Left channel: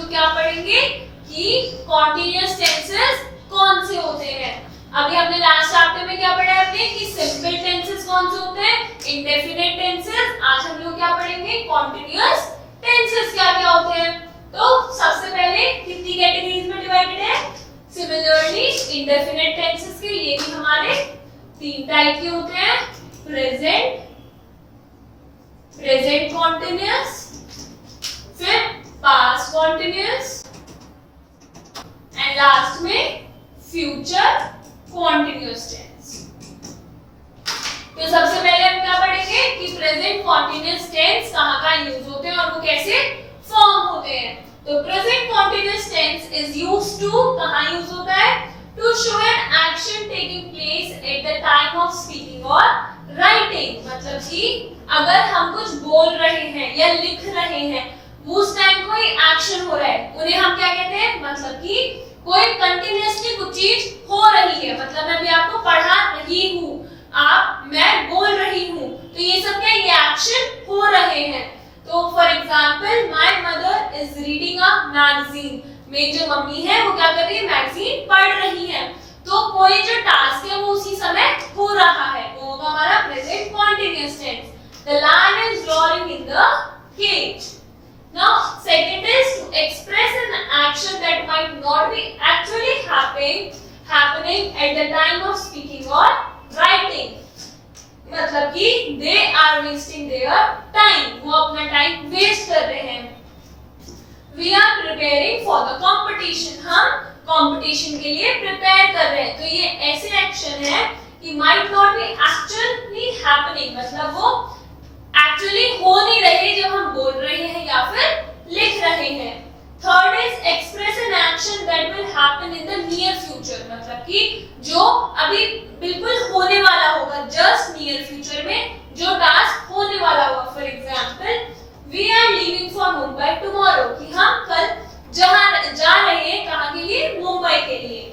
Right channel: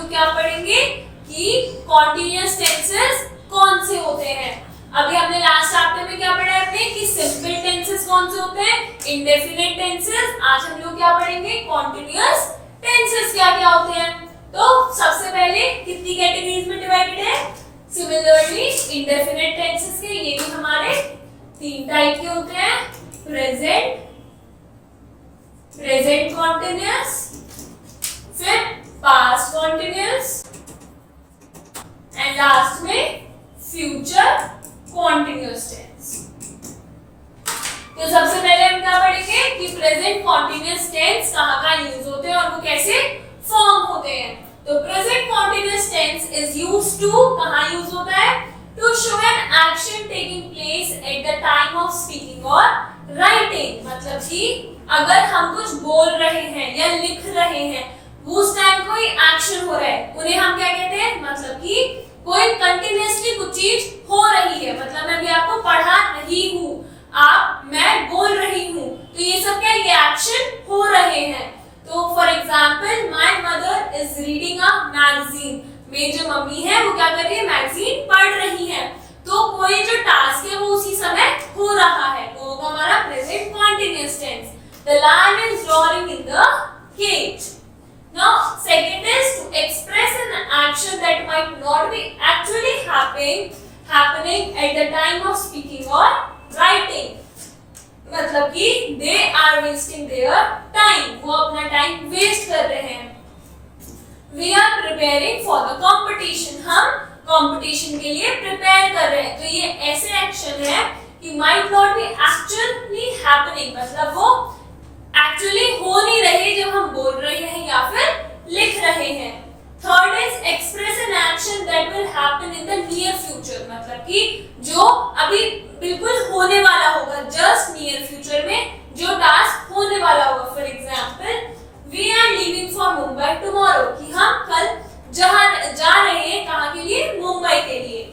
लोग क्या पढ़ेंगे कि कॉन्टिन्यूअस टेंसेस कौन से होते हैं। अभी हमने लास्ट चैप्टर में क्या पढ़ा है कि सिंपल टेंसेस कौन से होते हैं, इंडेफिनिट टेंसेस। आज हम लोग क्या पढ़ेंगे, कॉन्टिन्यूअस टेंसेस क्या क्या होते हैं। तो सबसे पहले कितनी कैटेगरीज में डिवाइडेड है, सिमिलरली इंडेफिनिट टेंसेस के ये भी हमारे 3 टाइप के होते हैं, प्रेजेंट, प्रेजेंट कॉन्टिन्यूअस, फिर पास्ट कॉन्टिन्यूअस एंड लास्ट में फ्यूचर कॉन्टिन्यूअस टेंस। तो सबसे पहले हम क्या पढ़ेंगे कि प्रेजेंट कॉन्टिन्यूअस टेंस कहाँ यूज होते हैं और वो कैसे फॉर्म होते हैं। तो present continuous tense is used to, कहाँ यूज होता है, to show an action taking place at the time of speaking और राइटिंग। मतलब कि अगर हम कुछ बोल रहे हैं या लिख रहे हैं, उस टाइम कोई एक्शन हो रहा है, उन्हें हम क्या कहते हैं, मतलब कि कोई कंटिन्यूअसली कुछ चीज हो रही है। मतलब मैं भी आपको पढ़ा रही हूँ, मैं बोल रही हूँ, तो ये सब क्या, ये एक्शन हो रहे हैं। तो for example my mother is reading a magazine, मेरी जो मम्मी है वो क्या कर रही है, मैगजीन पढ़ रही है। तो कोई जो टास्क है वो उसी समय हो रहा है, वो होगा हमारा present continuous tense. The lion is roaring in the cage. Now, second is to express an action that might not be actually happening at the time of speaking or writing. मतलब कि they are wasting their time, वो अपना time waste कर रहे हैं। We are preparing for the competition, हम competition के लिए प्रिपेयर कर रहे हैं। तो ये ऐसे एक्शन है कि might not be actually happening, मतलब वो एक्चुअली हो नहीं रहे जब हम बोल रहे हैं या फिर लिख रहे हैं। Third is express an action that will happen in the near future, मतलब कि जो अभी बिल्कुल होने वाला होगा, जस्ट नियर फ्यूचर में जो टास्क होने वाला होगा। For example we are leaving for Mumbai tomorrow, कि हम कल जा रहे हैं कहाँ के लिए, मुंबई के लिए।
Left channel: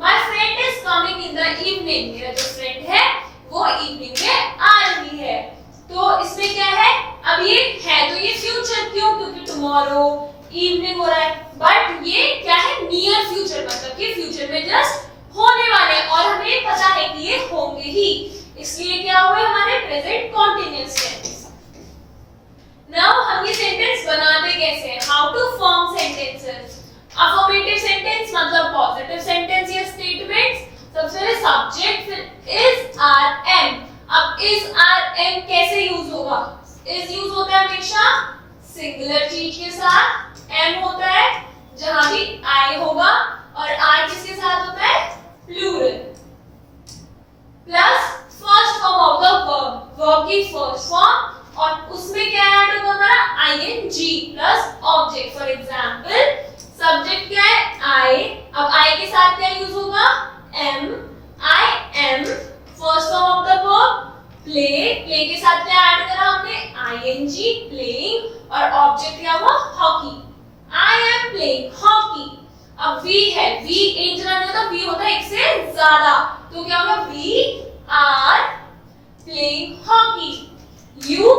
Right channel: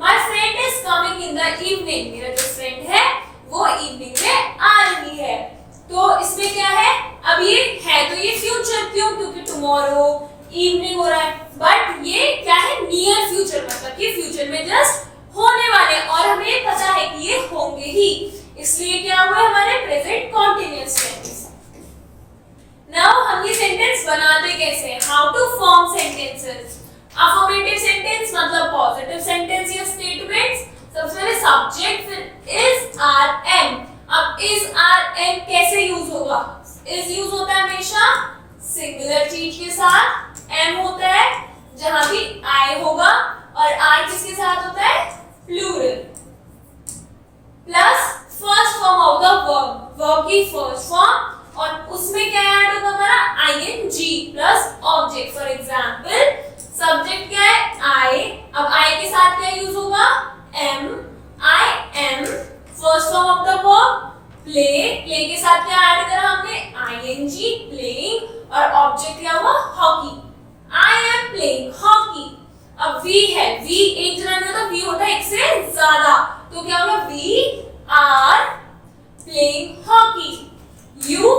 My friend is coming in the evening, मेरा जो फ्रेंड है वो इवनिंग में आ रही है। तो इसमें क्या है, अब ये है तो ये फ्यूचर, क्यों, क्योंकि टुमारो इवनिंग हो रहा है, बट ये क्या है, नियर फ्यूचर, मतलब कि फ्यूचर में जस्ट होने वाले और हमें पता है कि ये होंगे ही, इसलिए क्या हुआ हमारे प्रेजेंट कॉन्टिन्यूअस टेंस। नाउ हम ये सेंटेंस बनाते कैसे हैं, how to form sentences. Affirmative sentence मतलब पॉजिटिव सेंटेंस या स्टेटमेंट्स। सबसे पहले सब्जेक्ट, फिर इज, आर, एम। अब इज, आर, एम कैसे यूज होगा, इज यूज होता है हमेशा सिंगुलर चीज के साथ, एम होता है जहां भी आई होगा, और आर किसके साथ होता है, plural. Plus first form of the verb, verb की फर्स्ट फॉर्म, और उसमें क्या ऐड होगा हमारा, I N G plus object. For example subject क्या है, आई, अब आई के साथ क्या यूज होगा, am, I am. First form of the verb play, play के साथ क्या ऐड करा हमने, आईएनजी, प्लेइंग, और ऑब्जेक्ट क्या हुआ, hockey, I am playing hockey. अब वी है, वी एक जना नहीं होता, वी होता है एक से ज्यादा, तो क्या होगा, we are playing hockey, you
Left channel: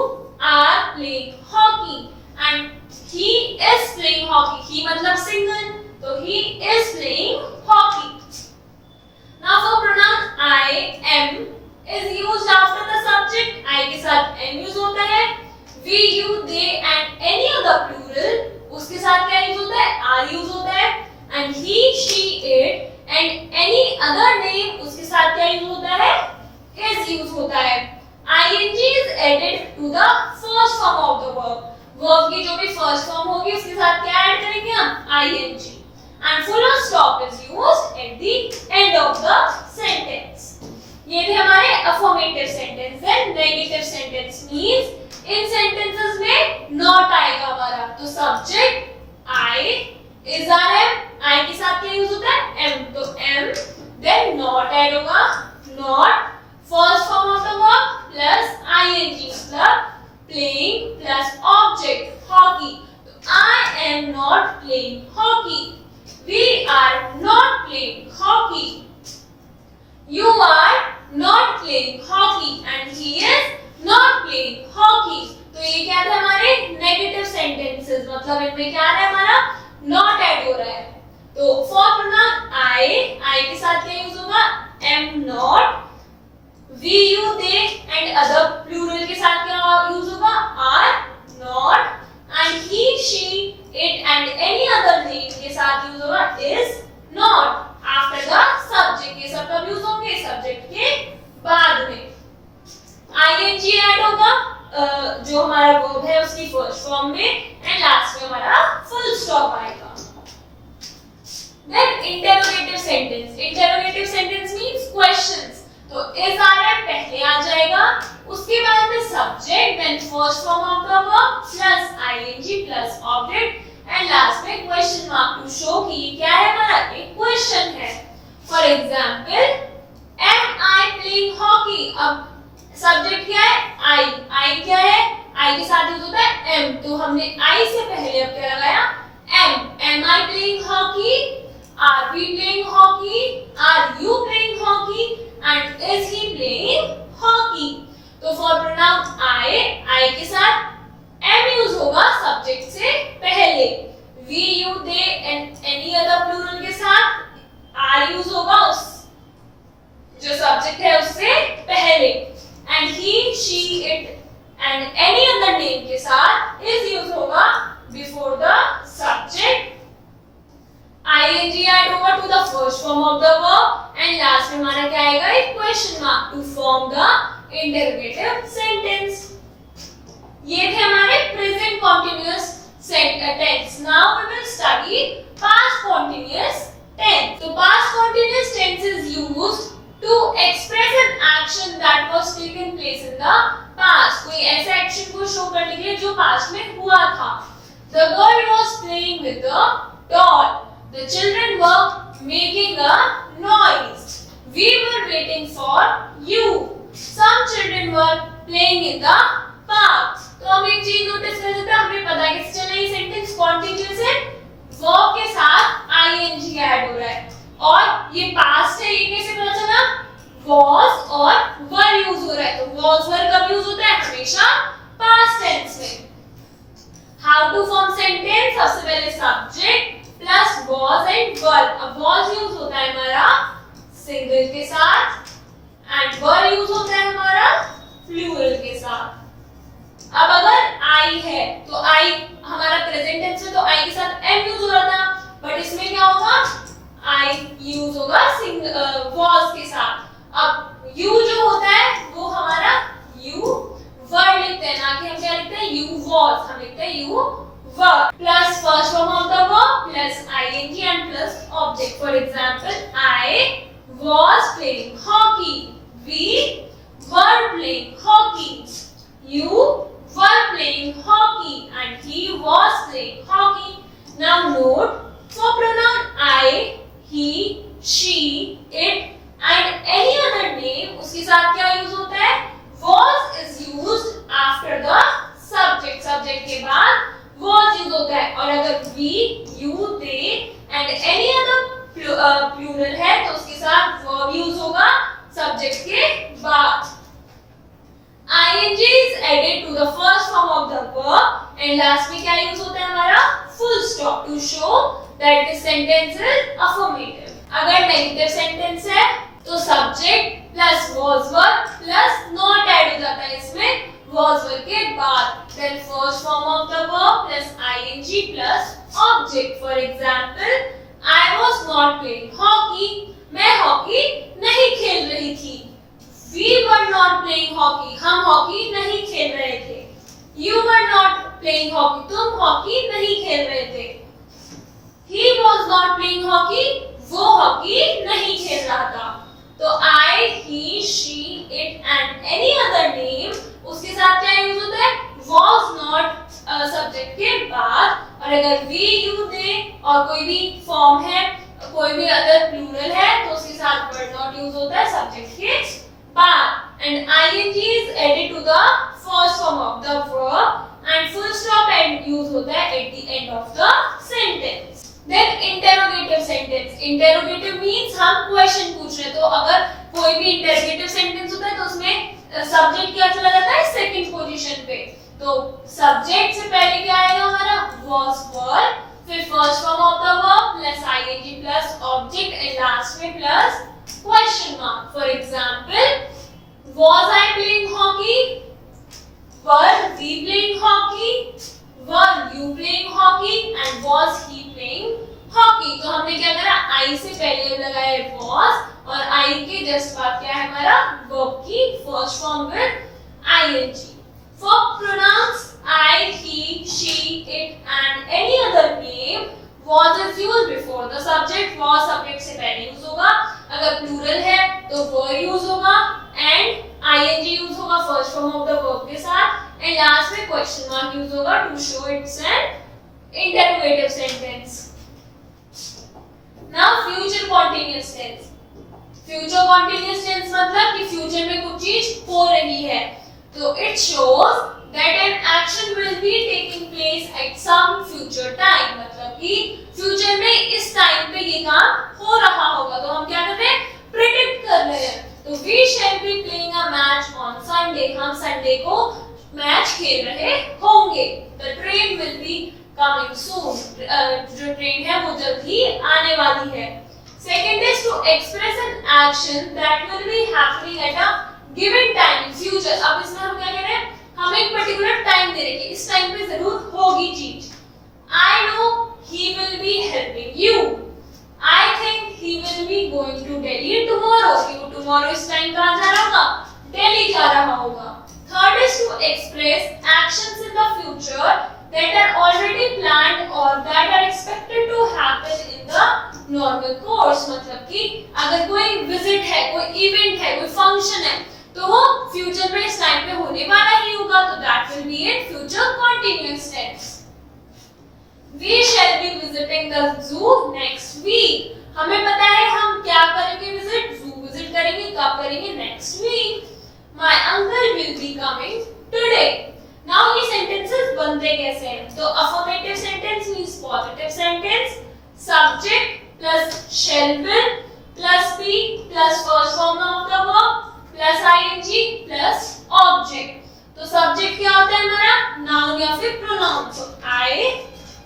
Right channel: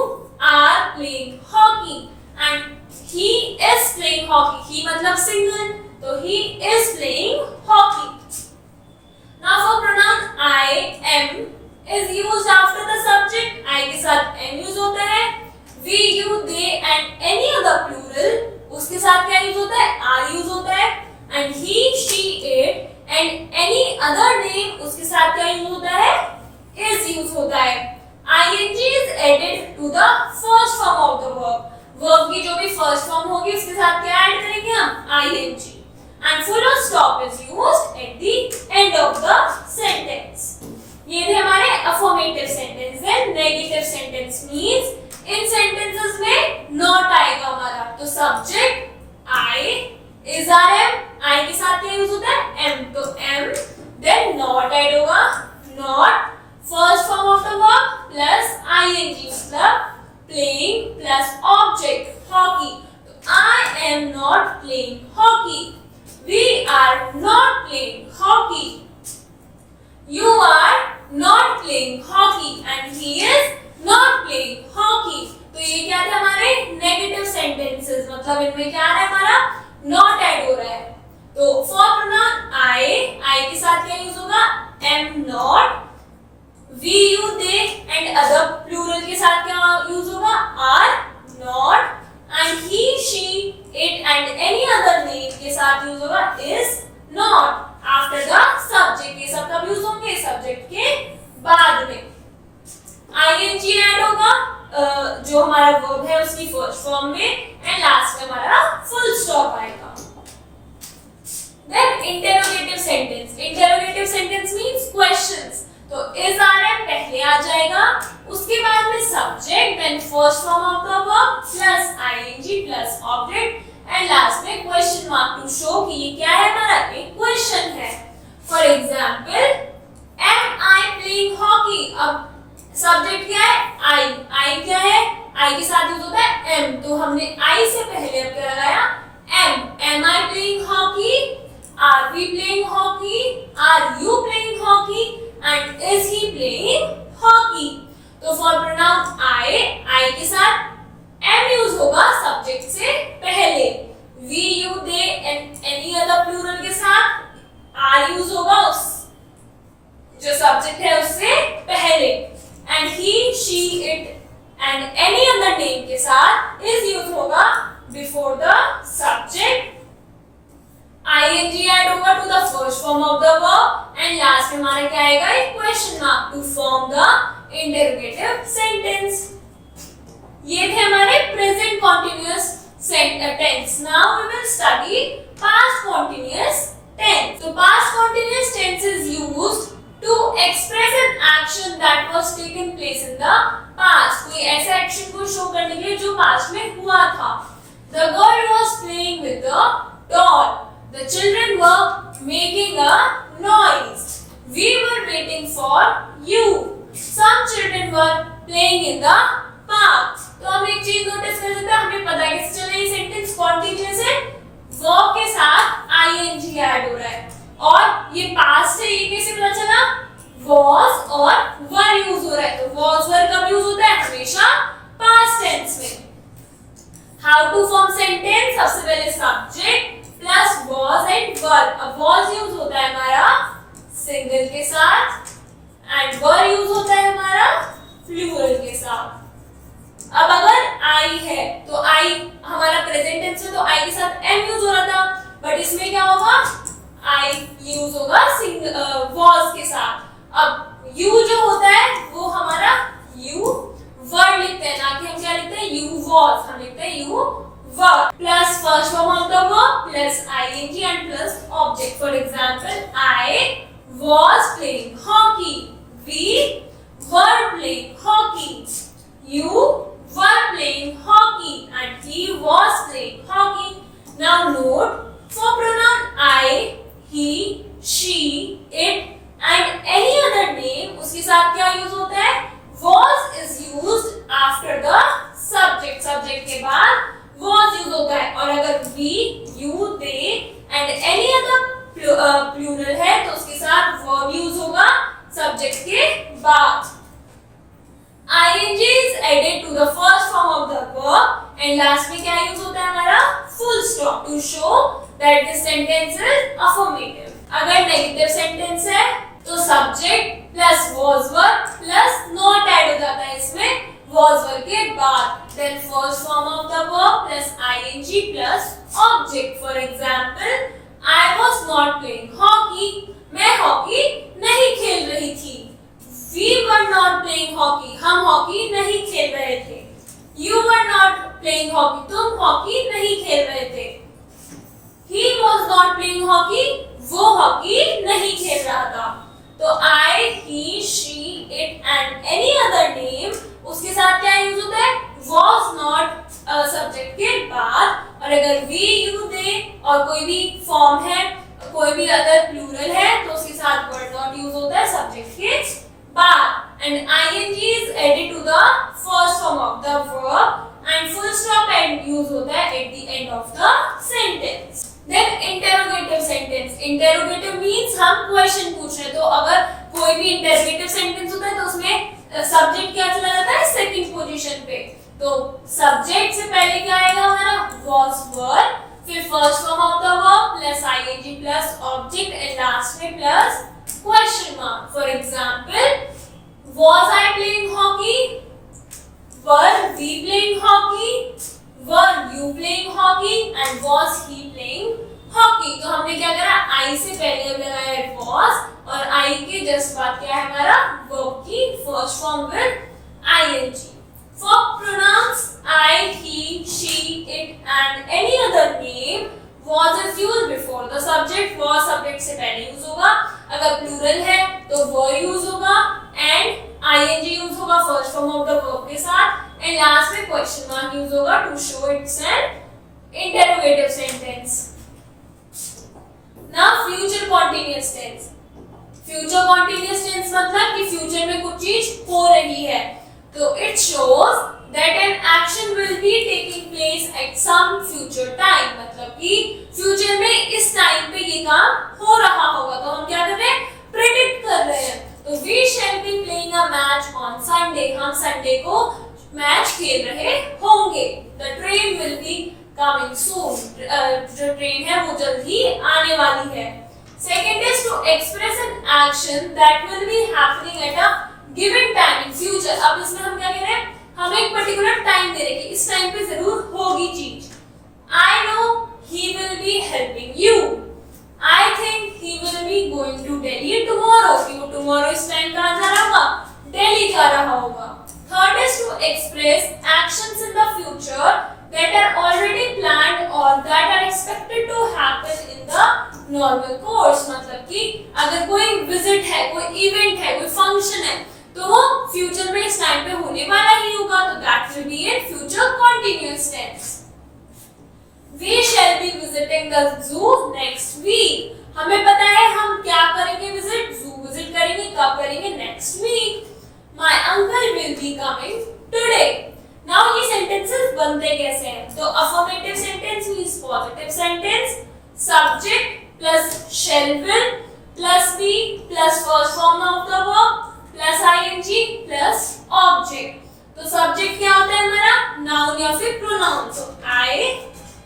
are playing hockey, and he is playing hockey. He मतलब सिंगल, तो he is playing hockey. Now for pronoun I, M is used after the subject. I के साथ M यूज होता है। We, you, they and any other plural, उसके साथ क्या use होता है, R यूज होता है। And he, she, it and any other name, उसके साथ क्या यूज होता है, is यूज होता है। ing is added to the first form of the verb. Verb की जो भी first form होगी उसके साथ क्या ऐड करेंगे हम, ing. And full stop is used at the end of the sentence. ये थे हमारे affirmative sentence है। Negative sentence means इन sentences में not आएगा हमारा, तो subject I, is our M, I के साथ क्या यूज होता है, M, तो M, then not ऐड होगा, not, first form of the verb plus ing, मतलब playing plus object hockey, तो I am not playing hockey. We are not playing hockey. You are not playing hockey and he is not playing hockey. तो ये क्या थे हमारे negative sentences, मतलब इनमें क्या है हमारा तो फॉर प्रोनाउन आई के साथ क्या यूज होगा, am not, we you they and other plural के साथ क्या यूज होगा, are not, and he she it and any other name के साथ यूज होगा is not after the subject. ये सब कब यूज होंगे, सब्जेक्ट के बाद में। आईएनजी ऐड होगा जो हमारा वर्ब है उसकी फर्स्ट फॉर्म में, एंड लास्ट में हमारा फुल स्टॉप आएगा। Then interrogative sentence, interrogative sentence means questions. तो इज आर एम पहले आ जाएगा, उसके बाद में subject, then first form of the verb plus ING plus object, and last में क्वेश्चन मार्क टू शो कि ये क्या है, हमारा एक क्वेश्चन है। For example, am I playing hockey. अब सब्जेक्ट क्या है, आई क्या है, आई के साथ यूज होता है एम, तो हमने आई से पहले अब क्या लगाया, am I playing hockey, are we playing hockey, are you playing hockey, and is he playing hockey. तो फॉर प्रोनाउन आई के साथ एम यूज होगा सब्जेक्ट से पहले, we you they and any other plural के साथ आर यूज होगा उस जो सब्जेक्ट है उससे पहले, and he she it and any other name के साथ इज यूज होगा before the subject. ING add होगा to the first form of the verb, and last में हमारा क्या आएगा, एक question mark to form the interrogative sentence. ये थे हमारे present continuous tense. Now we will study past continuous tense. तो past continuous tense is used to express an action that was taken place in the past। कोई ऐसा action को show करने के लिए जो पास्ट में हुआ था। The girl was playing with the doll. The children were making a noise. We were waiting for you. Some children were playing in the park। तो हम एक चीज नोटिस कर सकते हैं, हमें पता कैसे चला ये सेंटेंस कॉन्टिन्यूअस है, वर्ब के साथ आईएनजी ऐड हो रहा है, और ये पास्ट है, ये कैसे पता चला, was और were यूज हो रहा है। तो was were कब यूज होता है, हमेशा पास्ट टेंस में। हाउ टू फॉर्म सेंटेंस, सबसे पहले subject plus was and were। अब was यूज होता है हमारा सिंगल के साथ, एंड were यूज होता है हमारा प्लूरल के साथ। अब अगर आई है तो आई हमारा प्रेजेंट टेंस में, तो आई के साथ एम यूज हो रहा था, बट इसमें क्या होगा, आई यूज होगा was के साथ। अब यू जो होता है वो हमारा यू वर लिखते हैं, ना कि हम क्या लिखते हैं, यू was, हम लिखते हैं you were plus first form of the verb plus ING and plus object. For example, I was playing hockey, we were playing hockey, you were playing hockey, and he was playing hockey। Now note, for pronoun I, he, she, it and any other name, उसके साथ क्या use होता है, was is used after the subject। subject के बाद was use होता है, और अगर we, you, they and any other plural है तो उसके साथ verb यूज होगा subject के बाद। ing is added to the first form of the verb, and last में क्या यूज होता है हमारा, full stop to show that the sentence is affirmative। अगर नेगेटिव सेंटेंस है तो subject plus was were plus not add हो जाता है इसमें was were के बाद, then first form of the verb plus ing plus object। For example, I was not playing hockey, मैं हॉकी नहीं खेल रही थी। We were not playing hockey, हम हॉकी नहीं खेल रहे थे। You were not playing hockey, तुम हॉकी नहीं खेल रहे थे। He was not playing hockey, वो हॉकी नहीं खेल रहा था। तो I, he, she, it and any other name, उसके साथ क्या यूज होता है, was not सब्जेक्ट के बाद, और अगर we, you, they और कोई भी फॉर्म है, कोई भी अदर प्लूरल है तो उसके साथ word not यूज होता है सब्जेक्ट के बाद। And ing is added to the first form of the verb and full stop and use होता है at the end of the sentence। Then interrogative sentence, interrogative means हम question पूछ रहे हैं, तो अगर कोई भी interrogative sentence होता है तो उसमें सब्जेक्ट क्या चला जाता है, सेकंड पोजीशन पे। तो सब्जेक्ट से पहले क्या आएगा हमारा, was were, फिर first form of the verb plus ing plus object and last में plus question mark. For example, was I playing hockey? Were we playing hockey? Were you playing hockey? And was he playing hockey? तो हमने क्या करा, I से पहले लगाया was और I के जस्ट बाद क्या है हमारा verb की first form with ing. For pronouns I, he, she, it and any other name, was is used before the subject. Was subject से पहले यूज होगा. अगर plural है तो were यूज होगा and ing यूज होगा first form of the verb के साथ and last में question mark यूज होगा to show it's an interrogative sentence. Now future continuous tense. Future continuous tense मतलब कि future में कुछ चीज हो रही है. तो it shows that an action will be taking place at some future time. मतलब कि future में इस time पे ये काम हो रहा होगा. तो हम क्या कर रहे हैं, predict कर रहे हैं. तो we shall be playing a match on Sunday. हम Sunday को मैच खेल रहे होंगे. The train will be coming soon. जो ट्रेन है वो जल्द ही आने वाली है. Second is to express an action that will be happening at a given time in future. अब इसमें हम क्या कह रहे हैं, हम एक पर्टिकुलर टाइम दे रहे हैं कि इस टाइम पे जरूर होगी चीज. I know he will be helping you. I think he will be going to Delhi tomorrow. कि वो tomorrow इस टाइम कहाँ जा रहा होगा, दिल्ली जा रहा होगा. Third is to express actions in the future that are already planned or that are expected to happen in the normal course. मतलब कि अगर कोई visit है, कोई event है, कोई function है, तो वो फ्यूचर में इस टाइम पे होने वाला ही होगा. तो that will be in future continuous tense. We shall be visiting the zoo next week. हमें पता है हम क्या करेंगे, विजिट, जू विजिट करेंगे. कब करेंगे, next week. My uncle will be coming today. Now ये सेंटेंसेस बनते कैसे हैं, तो affirmative sentence means positive sentence. Subject plus shall will plus be plus first form of the verb plus ing plus object. तो सब्जेक्ट क्या होता है हमारा, नाउन या फिर प्रोनाउन. तो I,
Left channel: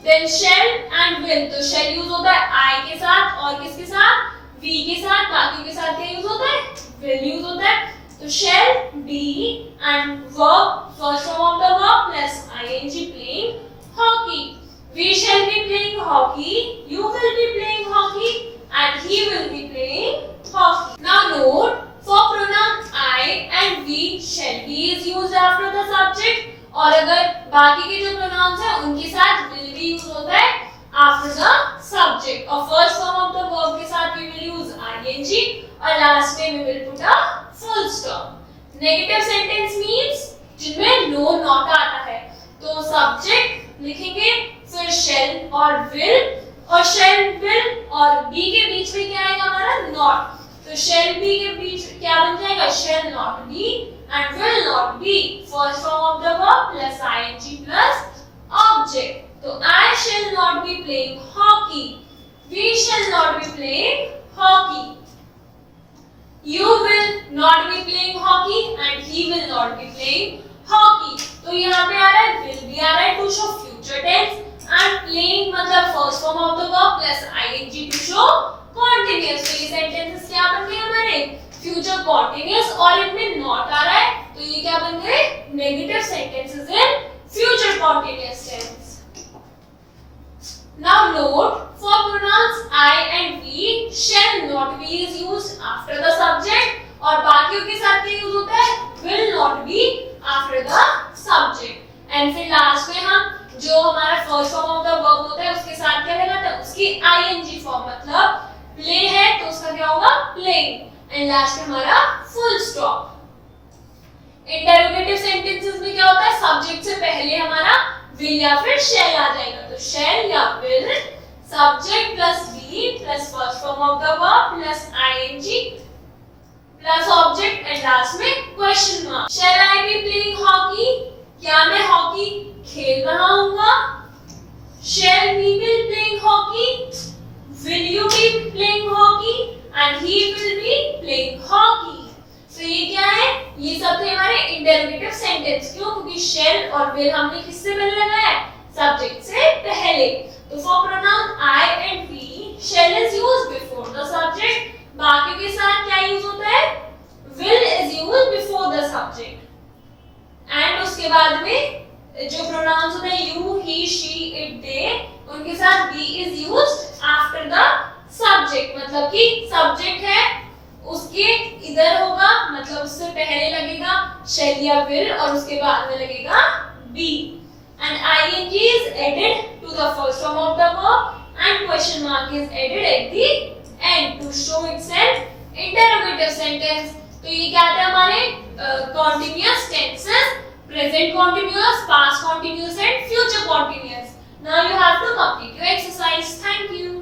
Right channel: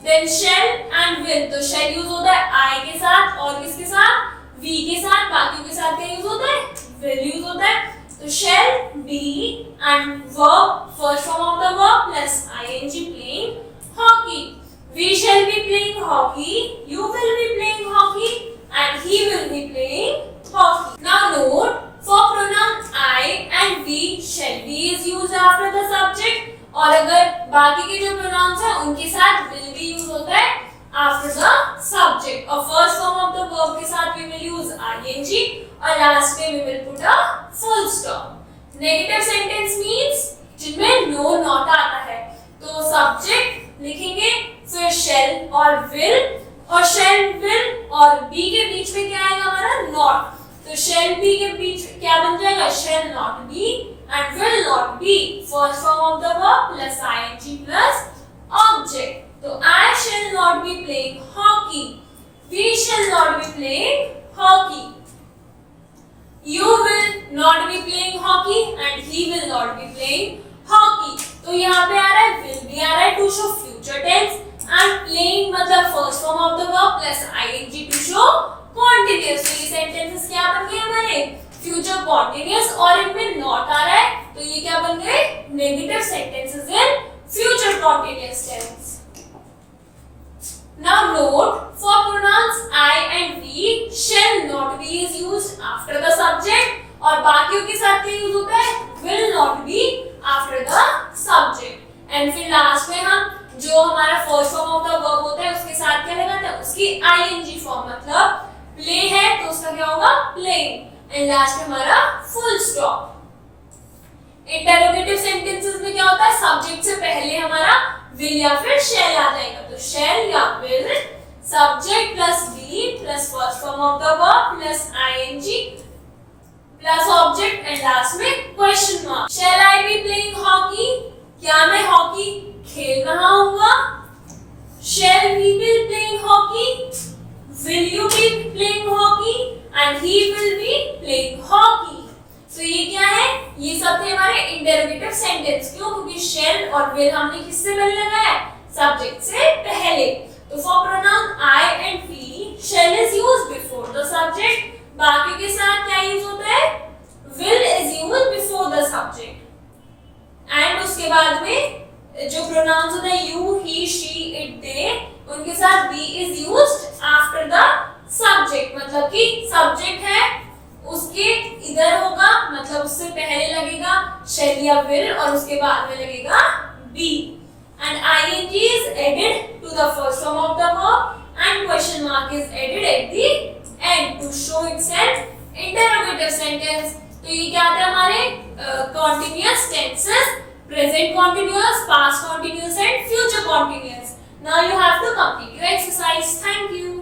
then shall and will. तो shall यूज होता है I के साथ और किसके साथ, we के साथ. बाकी के साथ क्या यूज होता है, will यूज होता है. तो shall be and verb first form of the verb plus ing playing hockey. We shall be playing hockey, you will be playing hockey and he will be playing hockey. Now note, for pronoun I and we, shall be is used after the subject. और अगर बाकी के जो pronouns हैं उनके साथ will be use होता है after the subject. और first form of the verb के साथ we will use ing और last में we will put a full stop. Negative sentence means जिनमें no not आता है. तो subject लिखेंगे, फिर shall और will, और shall will और be के बीच में क्या आएगा हमारा, not. तो shall be के बीच क्या बन जाएगा, shall not be and will not be. First form of the verb plus ing plus object. तो I shall not be playing hockey. We shall not be playing hockey. You will not be playing hockey and he will not be playing hockey. तो यहाँ पे आ रहा है will be आ रहा है to show future tense and playing मतलब first form of the verb plus ing to show continuous. तो ये sentences क्या बन गए हमारे, future continuous और इनमें not आ रहा है तो ये क्या बन गए, negative sentences in future continuous tense. Now note, for pronouns I and we, shall not be is used after the subject और बाकियों के साथ क्या यूज होता है, will not be after the subject. And फिर लास्ट में हम जो हमारा first form of the verb होता है उसके साथ क्या लगाते हैं, उसकी ing फॉर्म. मतलब प्ले है तो उसका क्या होगा, playing. एंड लास्ट में हमारा फुल स्टॉप. इंटरोगेटिव सेंटेंसेस में क्या होता है, सब्जेक्ट से पहले हमारा will या फिर shall आ जाएगा. तो shall या will, subject plus be plus first form of the verb plus ing plus object and last में question mark. Shall I be playing hockey? क्या मैं हॉकी खेल रहा हूँगा? Shall we be playing hockey? Will you be playing hockey? And he will be playing hockey. तो ये क्या है, ये सब थे हमारे इंटरोगेटिव सेंटेंस. क्यों, क्योंकि shall और will हमने किससे पहले लगाया है, सब्जेक्ट से पहले. तो for pronoun I and we, shall is used before the subject. बाकी के साथ क्या यूज होता है? will is used before the subject. and उसके बाद में जो pronouns होते हैं you, he, she, it, they, उनके साथ be is used after the subject. मतलब कि subject है उसके इधर होगा, मतलब उससे पहले लगेगा shall या will और उसके बाद में लगेगा be. and ing is added to the first form of the verb and question mark is added at the end to show itself interrogative sentence. तो ये क्या आते हैं हमारे continuous tenses, present continuous, past continuous and future continuous. Now you have to complete your exercise. Thank you.